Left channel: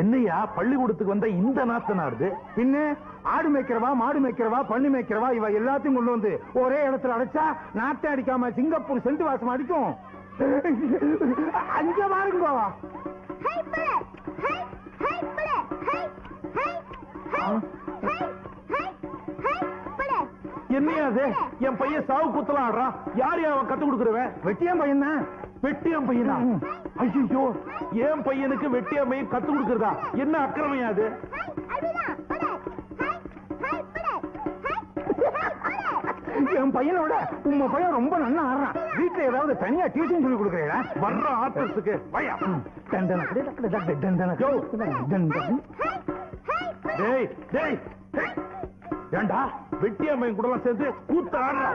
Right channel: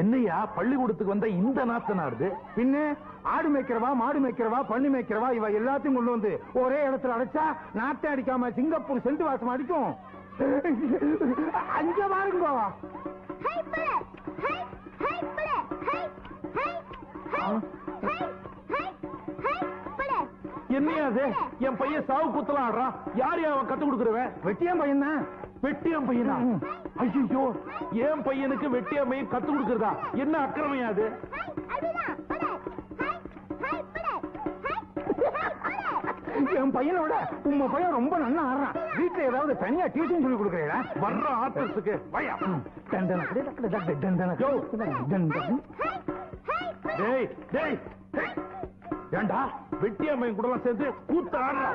என்னையா பள்ளிக்கூடத்துக்கு வந்த இந்த நாத்தனாருது? பின்ன ஆடு மேய்க்கிறவா, மாடு மேய்க்கிறவா, பண்ணு மேய்க்கிறவா, இவ எல்லாத்தையும் கொண்டு வந்து ஒரே இடத்துல அடைச்சா நாட்டை அடிக்காம சிங்கப்பூர் செண்டு வாசம் அடிக்கும். அங்க பாருங்க. என்னையா அது? என் பையன் சாவு குத்தலாம் ஆடுறான். யார் அவன் கத்து கொடுக்குறவன்? வெட்டியான் பையன் தான். வெட்டியான் பையனா? ஐயோ, என் பையனுக்கு வெட்டியான் பையன் கத்து கொடுக்கறதா? என்ன அக்கிரமையா அது? என் பையனோட உங்க பையன் ரொம்ப நல்லா ஆடுறான். வீட்டுல ஏதாவது தனியா டியூஷன் சொல்லி கொடுக்குறீங்களா? வர்ற ஆட்டத்துக்கு வயா. டேய் டேய், ஏண்டா வெட்டியாமையும் கூட சேர்ந்து கூத்த ஆடுறா?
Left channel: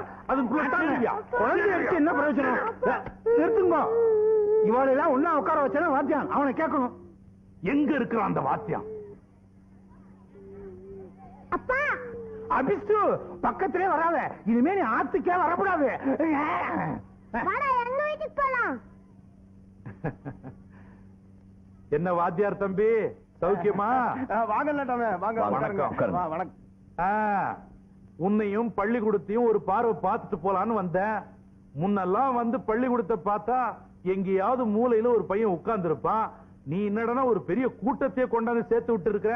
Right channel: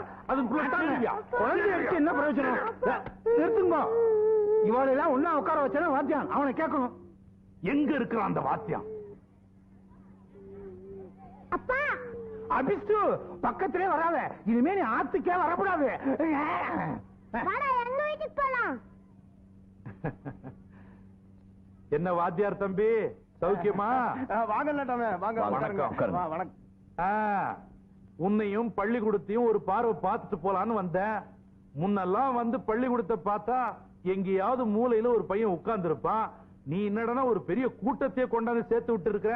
என்ன பிரயோஜனம்? நிறுத்துங்க. இவாளெல்லாம் ஒன்னா உட்கார வச்சா வாத்தியான் அவனை கேட்கணும். எங்க இருக்கிறான் அந்த வாத்தியான்? அபிஷ்டு பக்கத்திலே வராத. இனிமே நீ ஆத்துக்கே வரக்கூடாது. என்ன வாத்தியார் தம்பி, சௌக்கியமா? வாங்க. உன்னையும் பள்ளிக்கூடத்தையும் ஒரு பார்வை பார்த்துட்டு போலான்னு வந்தேன். முன்னெல்லாம் வந்து பள்ளிக்கூடத்தை பார்த்தா எங்கேயாவது மூலையில ஒரு பையன் உட்கார்ந்து இருப்பான். நீ என்னடனா ஒரு பெரிய கூட்டத்தையே கொண்டாந்து சேர்த்து விட்டு இருக்க.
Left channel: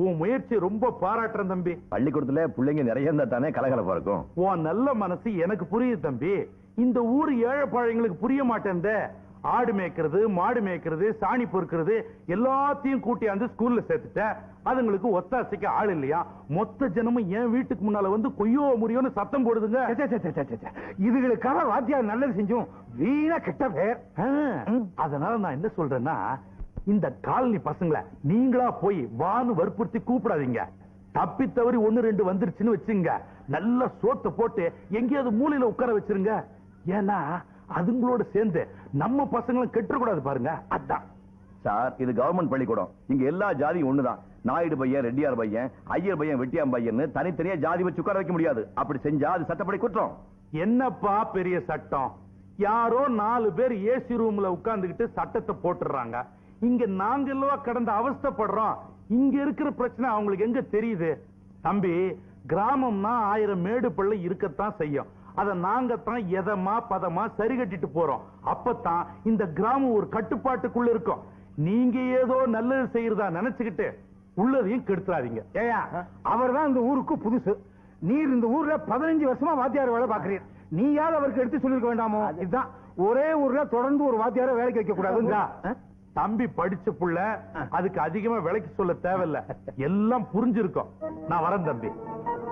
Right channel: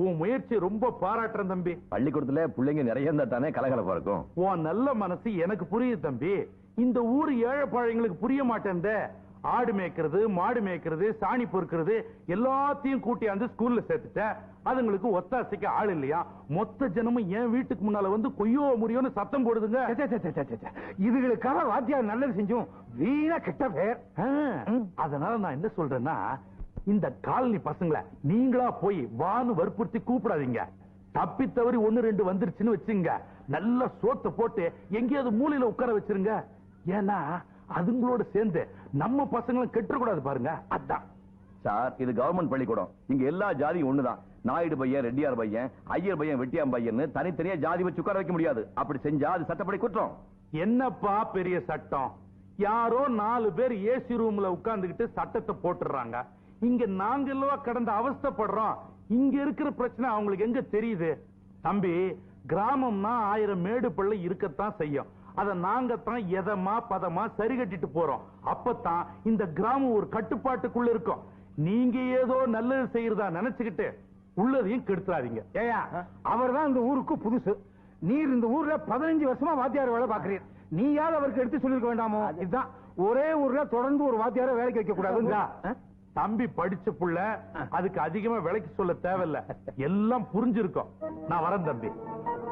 உன் முயற்சி ரொம்ப பாராட்டுறேன் தம்பி. பள்ளிக்கூடத்துல பிள்ளைங்க நிறைய இருந்தா தானே கலகலப்பா இருக்கும். உன் நல்ல மனசு எனக்கு புரியுது தம்பி. இந்த ஊர் ஏழை பாழைங்களுக்கு புரிய மாட்டேன். ஆடு மேய்க்கிறது, மாடு மேய்க்கிறது, சாணி பொறுக்கிறது எல்லாத்தையும் கூட்டியாந்து ஸ்கூல்ல சேர்த்துட்ட. அதுங்களுக்கு ஒத்தாசைக்கு ஆள் இல்லையா? மொத்த ஜனமும் என் வீட்டுக்கு முன்னால வந்து கொய்யோ முறியோன்னு சத்தம் போடுதுங்க. இதுகளுக்காக வாத்தியார் நல்லது செஞ்சோம், வீணா கெட்ட பேர். அதனால நான் என்ன சொல்றேன்னா, இந்த காலனி பசங்களை நீங்களா போய் வானு வற்புறுத்தி கூப்பிடாதீங்க. தப்பி தவறி 1-2 வந்துருச்சுன்னு வச்சுங்க, நல்ல சோத்தை போட்டு எங்கேயாவது மூலையில உட்கார வச்சிருங்க. ஏன்னா அதுங்களோட சேர்ந்து நம்ம பசங்களும் கெட்டுக்கூடாது பாருங்க. அதான் சார், இது கவர்மெண்ட் பள்ளிக்கூடம். இங்க எல்லா ஜாதியும் ஒண்ணுதான். நாயுடு பையன், ரெட்டியார் பையன், ஐயர் பையன், வெட்டியாம் பையன் தனித்தனியா ஜாதி வச்சு உட்கார வைக்க முடியாது. அப்படி செஞ்சா அது சட்டப்படி குற்றம். என்னப்பா பெரிய சட்டம்? யாரோ 4 பேர் ஏசி ரூம்ல உட்கார்ந்துகிட்டு சட்டத்தை போட்டுறாங்க. இங்க நாங்க எல்லாம் கடந்த அவஸ்தைப்படுறோம். இங்க இருக்கிற பிரச்சனை அவங்களுக்கு எங்க தெரியுது? தம்பி, கிராமம்னா 1000 மேடு பள்ளி இருக்கத்தான் செய்யும். அத நாங்க தான் எதமா பதமா சரி கட்டிட்டு போறோம். அப்பதான் இந்த கிராமம் ஒரு கட்டுப்பாட்டுக்குள்ள இருக்கும். நீங்க ஏதோ நல்லது செய்யறதா நினைச்சுக்கிட்டு உள்ளதையும் கெடுத்துறாதீங்க. ஏயா, அவர் தான் இந்த ஊருக்கு புதுசு. நீர் இந்த ஊர்ல 15 வருஷமா வாத்தியார் வேலை பாக்குறீர். நீயாவது அவருக்கு எடுத்து சொல்லிருக்க வேண்டாமோ? இதுதான் ஒரே ஊர்ல தொடர்ந்து ஒரு வாத்தியார வேலைக்கு வைக்க கூடாது. தம்பி படிச்ச புள்ள, அதுக்கு அதிகமா விலைக்கு சொல்ல தேவையில்ல. எல்லாம் புரிஞ்சிருக்கும். நான் வரேன் தம்பி.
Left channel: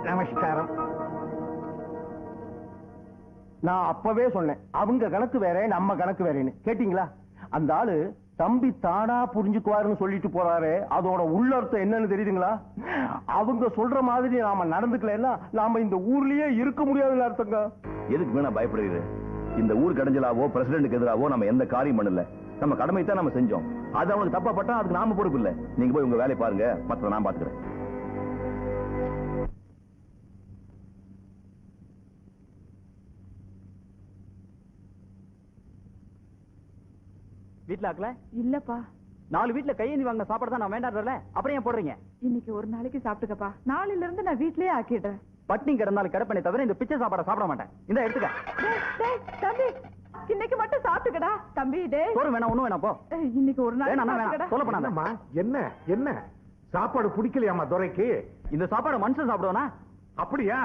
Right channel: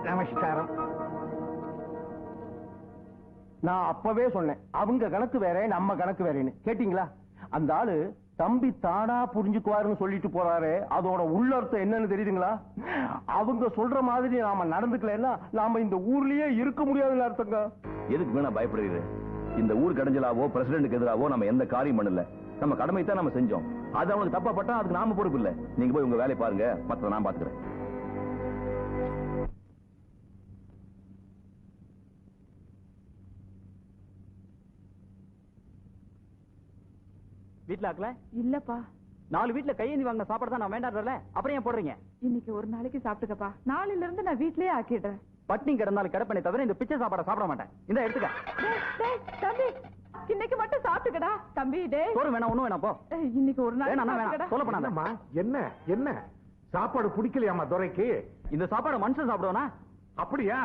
நமஸ்காரம். நான் அப்பவே சொன்னேன், அவங்க கணக்கு வேற, நம்ம கணக்கு வேறேன்னு. கேட்டீங்களா? அந்த ஆளு தம்பி தானா புரிஞ்சுக்குவாருன்னு சொல்லிட்டு போறாரு. அதோட உள்ளர்த்தம் என்னன்னு தெரியுதுங்களா? அவங்க சொல்ற மாதிரி நாம நடந்துக்கலன்னா நாம இந்த ஊர்லயே இருக்க முடியாதுன்னு அர்த்தங்க. எதுக்கு வேணா பயப்படுறது? இந்த ஊர் கடைஞ்சலாவோ பிரசிடென்ட்க்கு எதிராவோ நம்ம எந்த காரியம் பண்ணல. நம்ம கடமை தான் நம்ம செஞ்சோம். அது அவங்களுக்கு தப்பா பட்டா அதுக்கு நாம பொறுப்பு இல்ல. நீங்க போய் உங்க வேலையை பாருங்க, மத்த நான் பாத்துக்கிறேன். வீட்ல ஆக்கல? இல்லப்பா. 4 வீட்ல கையேந்தி வாங்கின சாப்பாடு தான் நான் வேண்டாம்ல. அப்புறம் ஏன் போடுறீங்க? இன்னைக்கு ஒரு நாளைக்கு சாப்பிட்டுக்கப்பா. நாளையில இருந்து நான் வீட்லயே ஆக்கிடுறேன். பட்டினி கிடந்தாலும் கிடப்பனே தவிர இந்த பிச்சை சாப்பாடை சாப்பிட மாட்டேன். இந்த எடுத்துக்க. தம்பி, இன்னைக்கு மட்டும் சாப்பிட்டுக்கடா தம்பி. ஒரு வேணா ஒண்ணு வேணா போ. இன்னைக்கு ஒரு நாள் சொல்ல பண்ணாதம்மா. என்ன என்ன சாப்பாடு பிடிக்கலையாமா துரைக்கு? இந்த சாப்பாடு மனுஷன் சாப்பிடுவானா? அப்படியா?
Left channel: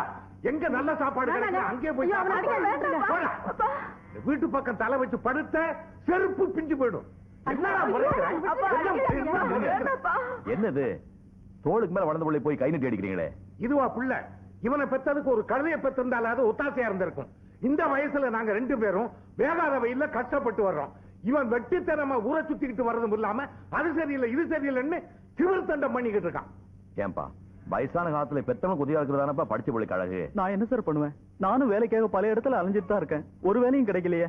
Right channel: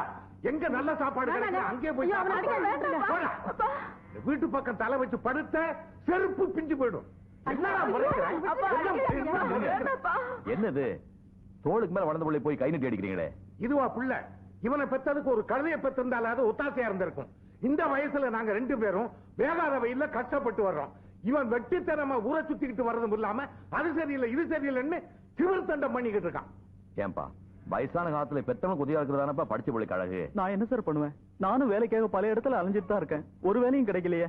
எங்க நல்ல சாப்பாடு அங்கே போய் வீட்டு பக்கம் தலை வச்சு படுத்த செருப்பு பிஞ்சு போயிடும். என்னது தோளுக்கு மேல வளர்ந்த பிள்ளை போய் கை நீட்டி அடிக்கிறீங்களே? இதுவா புள்ள? இவனை பெற்றதுக்கு ஒரு கழுதையை பெற்றிருந்தால அது ஒத்தாசையா இருந்திருக்கும். இந்த வயசுல நாங்க 2 பேரும் வேகாத வெயில கஷ்டப்பட்டு வர்றோம். இவன் வெட்டித்தனமா ஊரை சுத்திக்கிட்டு வர்றதும் இல்லாம அது சரியில்லை இது சரியில்லைன்னு திருத்தண்டம் பண்ணிக்கிட்டு இருக்கான். ஏன்பா, வயசான காலத்துல பெத்தவனுக்கு உதவியா இருக்கிறதானப்பா படிச்ச பிள்ளைக்கு அழகு. நான் என்ன சார் பண்ணுவேன்? நானும் வேலைக்காக பல இடத்துல அலைஞ்சிட்டு தான் இருக்கேன். ஒரு வேலையும் கிடைக்கலையே.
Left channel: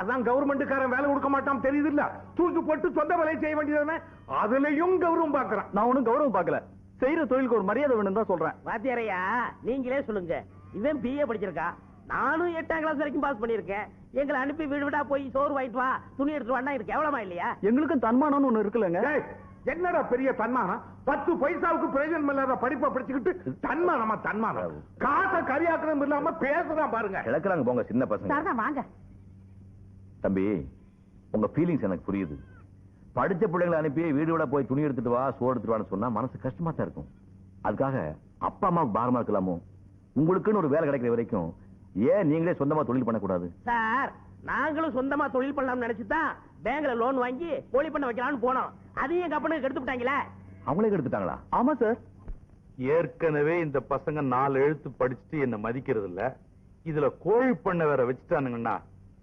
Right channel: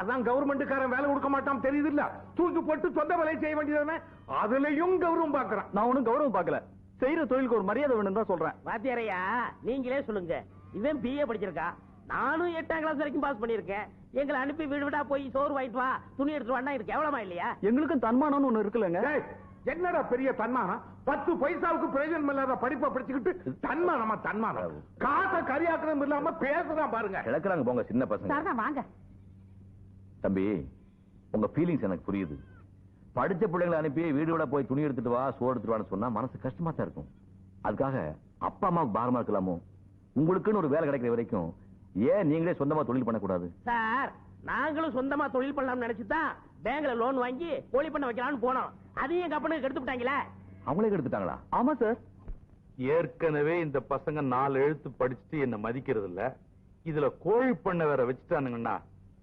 அதான் கவர்மெண்ட்காரன் வேலை கொடுக்க மாட்டான் தெரியுது இல்ல? தூக்கி போட்டு சொந்த வேலையை செய்ய வேண்டியதானே? அதுலயும் கௌரவம் பாக்குறான். நான் ஒன்னும் கௌரவம் பாக்கல. செய்யற தொழிலுக்கு ஒரு மரியாதை வேணும் தான் சொல்றேன். வாத்தியாரையா, நீங்களே சொல்லுங்க. இவன் பிஏ படிச்சிருக்கா, நானும் 8ஆம் கிளாஸ் வரைக்கும் பாஸ் பண்ணிருக்கேன். எங்களை அனுப்பி வீடு வீடா போய் சோறு வாங்கிட்டு வா, துணி எடுத்து வான்னா இது கேவலமா இல்லையா? எங்களுக்கும் தன்மானம்னு ஒண்ணு இருக்குல்லங்க. ஏய், என்னடா பெரிய தன்மானம்? 10 பைசாவுக்கு பிரயோஜனம் இல்லாத படிப்பை படிச்சுக்கிட்டு தன்மானம் காசை கரியாக்கணும் இல்லாம பேசுதான் பாருங்க. கிளக்குறாங்க போங்க சின்ன பசங்க. சாரதா வாங்க. தம்பி, உங்க ஃபீலிங்ஸ் எனக்கு புரியுது. படிச்ச பிள்ளைங்களை அனுப்பி வீடு விட போய் துணி எடுத்துட்டு வா, சோறு எடுத்துட்டு வான்னு சொன்னா மனசு கஷ்டமா தான் இருக்கும். அதுக்காக அப்பா அம்மாவுக்கு பாரமா இருக்கலாமோ? உங்களுக்குன்னு ஒரு வேலை கிடைக்கிற வரைக்கும் ஏன் நீங்களே சொந்தமா தொழில் பண்ணக்கூடாது? சார், நாங்களும் சொந்தமா தொழில் பண்ணலாம்னு நினைச்சுதான் பேங்க்ல லோன் வாங்கி கோழி பண்ண வைக்கலாம்னு போனோம். அதையும் எங்க அப்பனுக்கு எடுத்து விட்டாங்களே. அவங்களே எடுத்துட்டாங்களா? ஆமா சார். ஏற்கனவே இந்த பசங்க 4 எழுத்து படிச்சுட்டு என்ன மதிக்கிறது இல்ல. இதுல கோழி பண்ண வேற வச்சுட்டானுங்கன்னா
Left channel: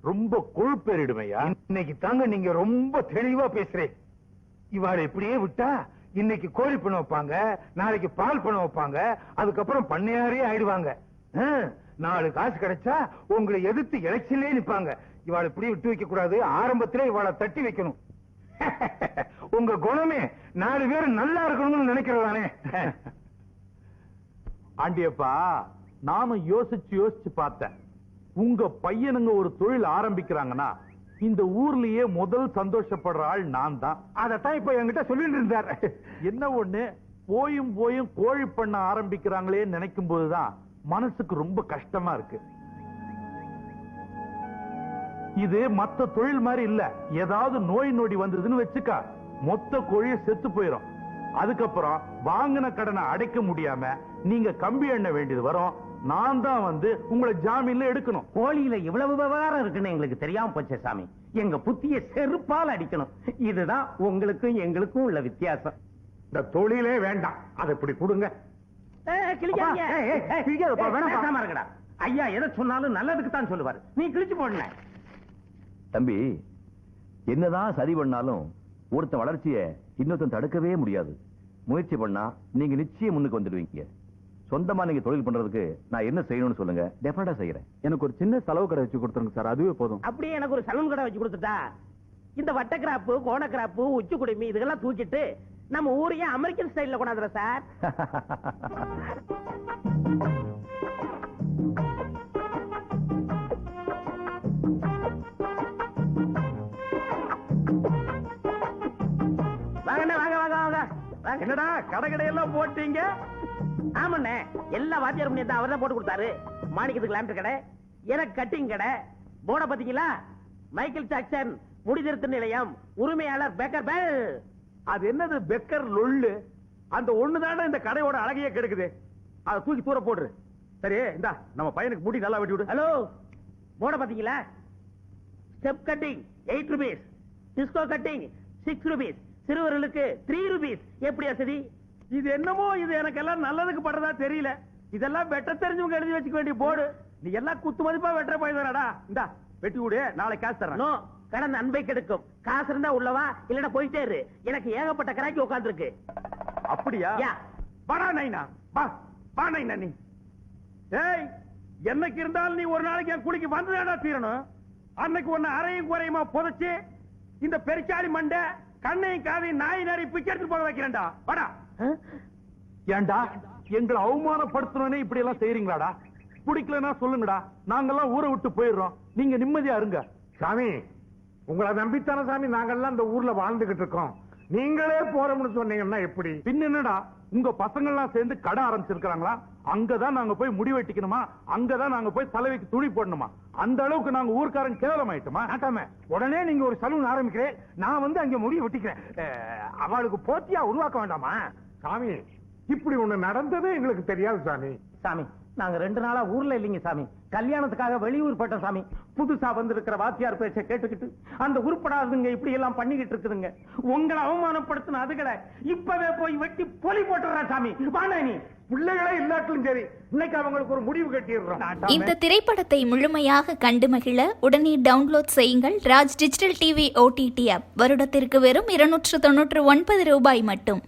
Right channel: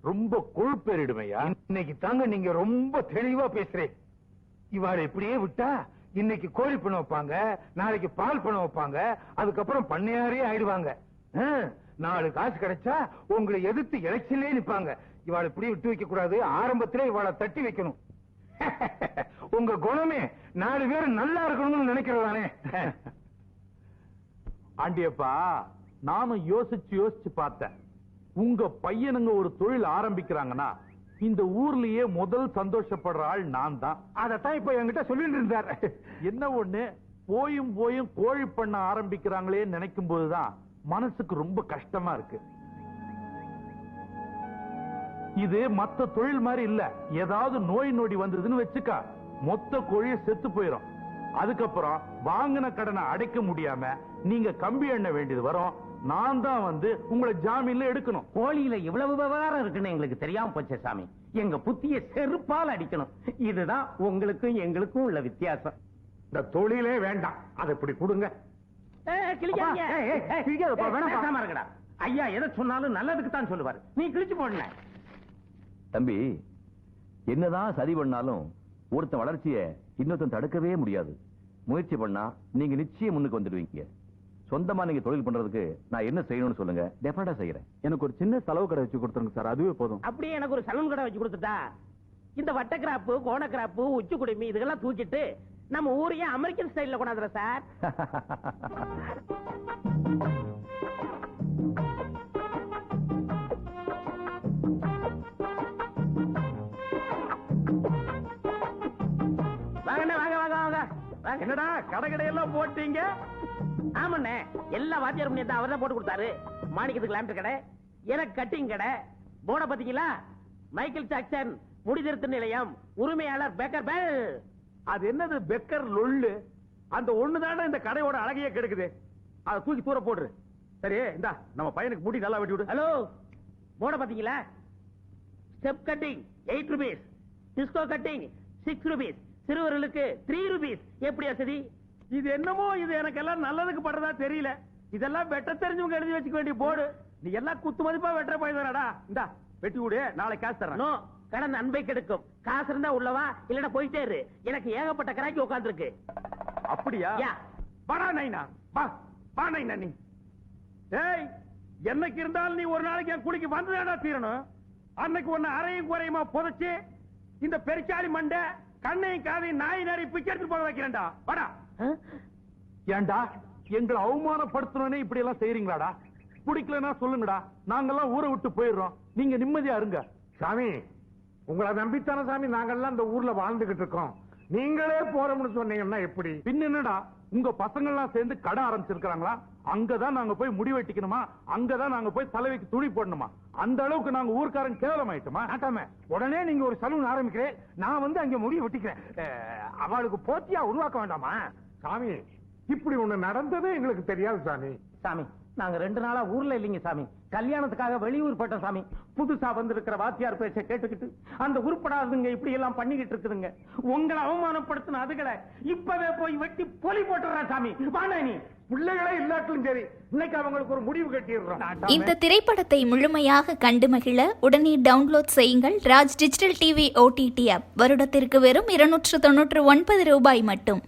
ரொம்ப கொழுப்பேறிடுமையா. இன்னைக்கு தாங்க நீங்க ரொம்ப தெளிவா பேசுறேன். இவாளை இப்படியே விட்டா இன்னைக்கு கோழி பண்ண வைப்பாங்க, நாளைக்கு பால் பண்ண வைப்பாங்க, அதுக்கப்புறம் பண்ணையாரே ஆயிடுவாங்க. 4 காசு கிடைச்சா உங்களை எதிர்த்து எலெக்ஷன்லயே நிப்பாங்க. இவாளை இப்படியே விட்டு வைக்க கூடாது, ஆரம்பத்திலே இவாளை தட்டி வைக்கணும். உங்க குணமே 4 பேர் நல்லா இருக்கணும்னு நினைக்கிறதானே. ஆண்டியப்பா, நானும் யோசிச்சு பார்த்தேன். உங்க பையனுங்க ஒரு தொழில் ஆரம்பிக்கிறாங்கன்னா இந்த ஊர்லயே முதல் சந்தோஷப்படுற ஆள் நான் தான். அதத்தான் இப்ப என்கிட்ட சொல்லிட்டு இருந்தார். என்ன ஒண்ணு, போயும் கோழி பண்ண ஆரம்பிக்கிறாங்களே நினைக்கும் போதுதான் மனசுக்கு ரொம்ப கஷ்டமா இருக்கு. இது மத்த தொழில் மாதிரி இல்ல. ஏதாவது நோய் நொடி வந்ததுன்னு வச்சுக்க, மொத்த கோழிய செத்து போயிடும். அதுக்கப்புறம் வாங்கின கடனை அடைக்க முடியாம நீங்க கம்பி எண்ண வேண்டியது வரும். நான் தான் வந்து உங்களை ஜாமீன்ல எடுக்கணும். கோழியில இவ்வளவு விவகாரம் இருக்குன்னு எங்களுக்கு தெரியாம போச்சே சாமி. எங்க புத்திய செருப்பால் அடிக்கணும். இதுதான் உங்களுக்கும் எங்களுக்கும் உள்ள வித்தியாசம். இந்த தொழிலே வேண்டாம், அதை இப்படி கொடுங்க. கிளிக்காதீங்க. பேசாம இருக்கடா. ஐயா எதை சொன்னாலும் நல்லதுக்கு தான் சொல்லுவாரு. நீ கிழிச்சு போடல. தம்பி, என்னதான் சரி பண்ணாலும் ஒருத்தன் வளர்ச்சியை இன்னொருத்தன் தடுக்கவே முடியாது. முயற்சி பண்ணா நீங்க நிச்சயம் முன்னுக்கு வந்துடுவீங்க. சொந்தமா நீங்க தொழில் பண்றதுக்கு நான் என்ன செய்யணும்னு சொல்லுங்க, டெஃபினட்டா செய்யறேன். எனக்கு ஒரு சின்ன செலவு கடை வச்சு கொடுத்துருங்க சார், அதுவே போதும். அப்படியே எனக்கு ஒரு சலூன் கடை வச்சு கொடுத்துட்டா இந்த வட்ட கிராப்பு, கோண கிராப்பு, உச்சி குடுமி இதெல்லாம் தூக்கிட்டு நம்ம ஊரையே அமெரிக்கன் ஸ்டைல்ல கொண்டாந்துற சார். என்னடா கடையெல்லாம் போட்டீங்க? ஆமாண்ணே, எல்லா வாத்தியார் பண்ணி அவர் தான் போட்டு கொடுத்தாரு. மாணிக்கத்துக்கு லேம்ப் கடை, எனக்கு கட்டிங் கடை. போர்ட பாத்தீங்களா? மைக்கேல் ஜாக்சன் முடி திருத்த நிலையம், உரிமையாளர் பேக்கர் பெல். அது என்னது பெக்கர் லொள்ளு? அந்த ஒண்ணுதானே இந்த கடையோட அழகையே கெடுக்குது. அதை தூக்கி தூர போடுற. சரி, இந்தா நம்ம பையனுக்கு முடி நல்லா வெட்டி விடு. ஹலோ, போர்ட பாத்தீங்களா? Step cutting 8 rupees, disco cutting 6 rupees, சிறுவர்களுக்கு 3 ரூபீஸ். எப்படி வசதி? இது என்னமோ இது எனக்கு எல்லாம் நல்லதுக்கு படுறதா தெரியல. இதெல்லாம் வெட்ட தெரிஞ்சவங்க எழுதி வச்சுக்க வேண்டிய போர்டு. நீ எல்லாம் குத்து மதிப்பா வெட்டுற போயிடுறாடா. இந்தா வெட்டி விடு, நாளைக்கு காசு தரேன். நோ, கடந்த அன்பை கெடுக்கும். காசு இருந்தா உள்ளவா, இல்லன்னா போயிட்டே இரு. எனக்கு ஏகப்பட்ட கராக்கி உட்கார்ந்து இருக்கு. அப்படியா? வாடா நைனா, வா நைனா. நீ ஏய், என்னைக்கு இருந்தாலும் நீ ஒரு நாளைக்கு என் குளிக்கு வந்துதாடா தீரணும். அன்னைக்கு ஒன்னு அரையும் குறையுமா புதைச்சு இந்த பெருச்சாலி மண்டை கண்ணையும் காதையும் நாய் நாரி பிச்செடுத்து போக வைக்கிறேன்டா. வாடா. ஏண்டா எங்களை அவமானப்படுத்தணும்னே இப்படி எல்லாம் செய்யறீங்களாடா? பிடிக்கலன்னா சொல்லுங்கடா, நாங்கெல்லாம் ஊரை விட்டு போயிடுறோம். நீங்க நிம்மதியா இருங்க. சாமி, உங்களை நம்பித்தான சாமி நாங்கெல்லாம் இந்த ஊர்ல வாழ்ந்துகிட்டு இருக்கோம். நீங்களே போறோம்னு சொன்னீங்கன்னா எப்படி? பின் என்னடா, உங்க பசங்க எல்லாம் சேர்ந்து கடை ஆரம்பிச்சிருக்காங்களா? அங்கதான் நாங்க போய் முடி வெட்டிக்கணுமா? அங்கதான் நாங்க போய் தலைவைக்கு துணி போடணுமா? அந்த அளவுக்கு நாங்க ஊர்க்காரன் கேவலமாயிட்டோமா? நாட்டாம உடனே நீங்க ஒரு சலூன் ஆரம்பிக்கிறேன், நான் வந்து அங்க முடிய வெட்டிக்கிறேன். அவளுக்கு போட்டியா உருவாக்க வேண்டாமா? சாமி, இப்படி ஒண்ணு நடந்ததே எங்களுக்கு தெரியாது சாமி. சாமி, நாங்க 2 நாளா ஊர்ல இல்லைங்க சாமி. கல்யாணத்துக்காக வெளியூர் போட்டோம் சாமி. புதுசா வந்திருக்கிற வாத்தியார் பேச்ச கேட்டுக்கிட்டு அந்த உருப்படாதுங்க இப்படி எல்லாம் பண்ணிக்கிட்டு இருக்குதுங்க. உங்களை அவமானப்படுத்தின அதுகளை இப்பவே போய் வெட்டி பொலி போட்டுறேன் சாமி. வாணா நீ பிள்ளைகளே இல்லாட்டிலும் சரி, இன்னைக்கு அவங்களுக்கு ஒரு முடிவு கட்டிடுறோம். இந்த திரைப்படத்தை முழுமையாக கண்டு மகிழ உடனே டவுன்லோட் செய்யுங்கள் Raj digital TV OTT app. வருடத்திற்கு வெறும் 299 ரூபாய் மட்டும்.